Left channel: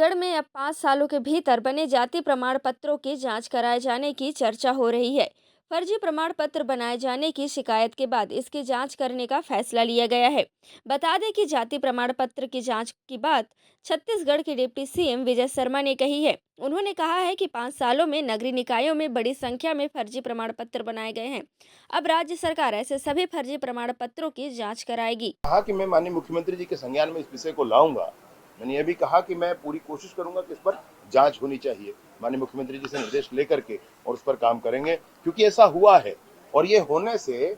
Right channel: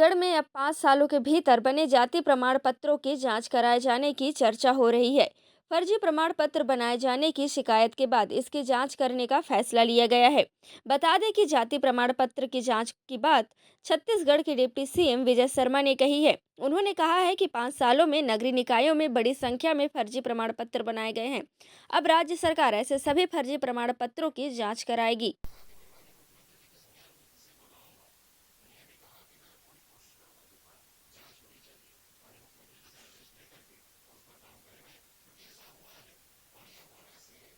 छत्तीसगढ़ में अब 5 सालों के भीतर बने जाति प्रमाण पत्रों की जांच कराए जाने की चर्चा हो रही है। फर्जी प्रमाण पत्र बनाए जाने की शिकायत के बाद इसकी जांच करने का फैसला लिया गया है। बता दें कि जाति प्रमाण पत्र की जांच की बात छत्तीसगढ़ के डिप्टी सीएम विजय शर्मा ने कही है। उन्होंने कहा है कि 5 सालों में नगरीय निकायों में बड़ी संख्या में फर्जी प्रमाण पत्र बनाए गए हैं। अब राज्य सरकार ऐसे सभी फर्जी प्रमाण पत्रों की जाँच कराएगी। कहा कि मैं माननीय मुख्यमंत्री जी के संज्ञान में इस विषय को लाऊंगा। मैंने यह भी कहा कि मैं पूरी कोशिश करूंगा कि इस पर जांच होनी चाहिए। माननीय मुख्यमंत्री जी से निर्देश लेकर के और उस पर काम करेंगे, क्योंकि ऐसा हुआ है। और ये होने से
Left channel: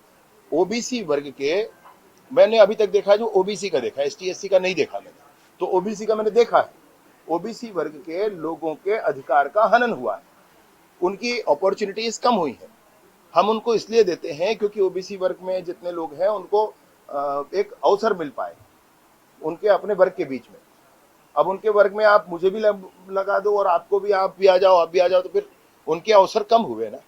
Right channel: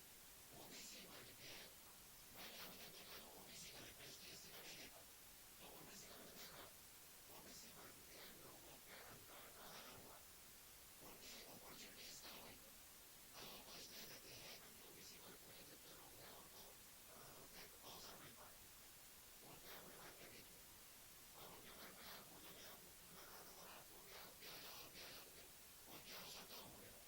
ओबीसी वर्ग के, मैंने अभी तक देखा है जो ओबीसी का देखा है, एसटी एससी का नहीं देखा मैंने, तो ओबीसी का मैंने देखा है। ओबीसी वर्ग के लोगों के अधिकार का हनन हुआ है, उनकी अपॉर्चुनिटीज कम हुई है। हम उनको इसलिए देते हैं क्योंकि ओबीसी वर्ग में जितने लोग हैं उनको एक अवसर मिल पाए उनके अपने वर्ग के बीच में। अब उनके वर्ग में आप मुझे भी लगा दो और आपको भी, आप भी आ जाओ, तो फिर उनके अवसर कम हुए ना।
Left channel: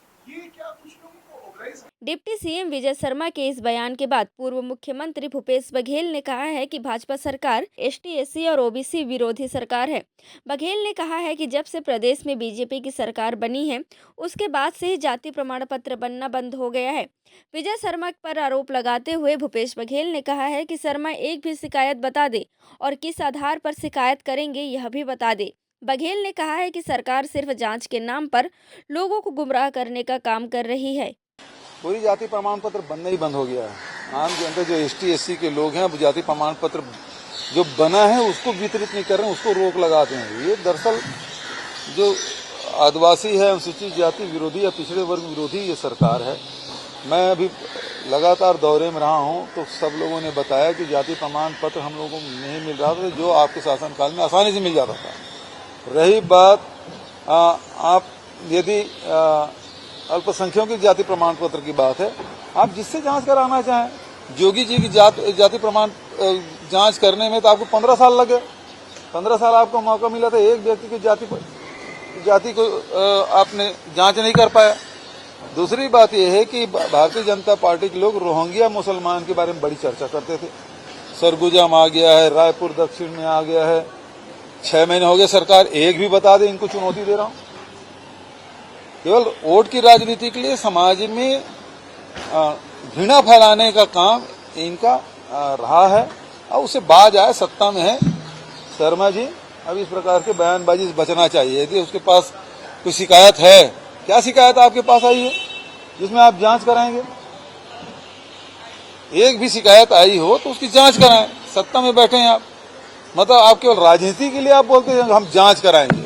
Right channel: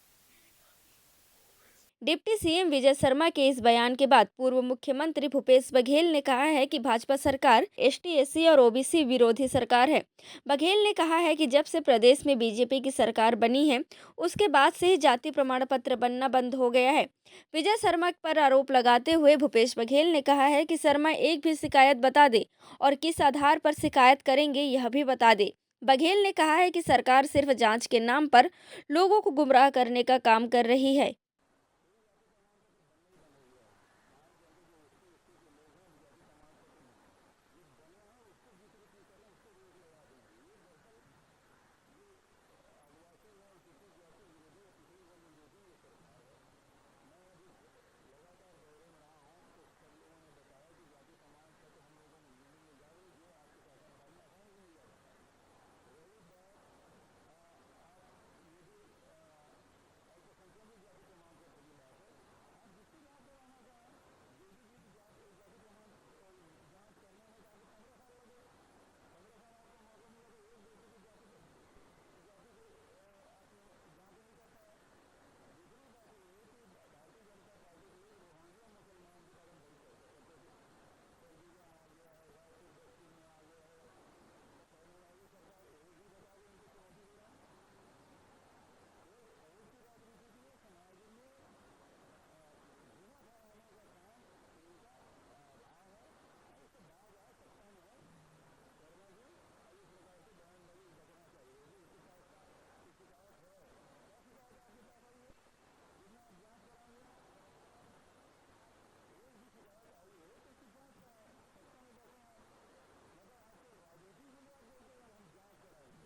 डिप्टी सीएम विजय शर्मा के इस बयान के बाद पूर्व मुख्यमंत्री भूपेश बघेल ने कहा है कि भाजपा सरकार एसटी एससी और ओबीसी विरोधी सरकार है। बघेल ने कहा है कि जब से प्रदेश में बीजेपी की सरकार बनी है उसके बाद से ही जाति प्रमाण पत्र बनना बंद हो गया है। विजय शर्मा पर आरोप लगाते हुए भूपेश बघेल ने कहा है कि शर्मा एक भी शिकायत बता दे और किस आधार पर शिकायत करेंगे यह भी बता दे। बघेल ने कहा है कि सरकार सिर्फ जांच के नाम पर लोगों को गुमराह करने का काम कर रही है। पूरी जाति प्रमाण पत्र बनना ही बंद हो गया है। आम जनता जो एसटी एससी के लोग हैं, जाति प्रमाण पत्र जो बना है उसको वितरित नहीं कर रहे हैं, उसको रोक लगाते हैं। ये दरअसल जो आदिवासी है, अनुसूचित जाति विरोधी या पिछड़े वर्ग विरोधी ये सरकार है। मैं अभी लगातार दौरे में रहा हूँ तो सब लोगों ने बताया कि जाति प्रमाण पत्र हम लोगों को नहीं मिल रहा था, जो आपके शासनकाल में आसानी से मिल जाता था। रही बात आप यदि अल्पसंख्यकों की जाति प्रमाण पत्र की बात है, आप जिससे जांच कराना चाहें, जोगी जी की जाति प्रमाण जांच करने में तो आपको 15 साल लगे। 15 साल आपको मौका मिला था, एक व्यक्ति की जाति को आपने जांच नहीं कर पाया। दूसरी बात यह है कि भारतीय जनता पार्टी के लोग रोहिंग्या मुसलमान के बारे में बड़ी चर्चा करते थे। सरगुजा में आ गया है, रायपुर दक्षिण में आ गया है, 6 महीने हो गए सरकार एक भी बता दे, इनको चुनौती दे रहा हूं। केवल वोट की राजनीति के लिए समाज में घृणा फैलाने का काम इनका रहा है और उससे बाज आए, सत्ता में है। शर्मा जी अब इस प्रकार के बयानबाजी से बचना चाहिए। यदि उसके पास कोई शिकायत है, क्या शिकायत आपके पास आई है जिसमें आप जांच कराएंगे? एक भी शिकायत आई हो तो उसकी जांच कराएं। सत्ता में बैठे हैं आप, मतलब आप केवल राजनीति के लिए आप बोलते हैं हम जांच कराएंगे।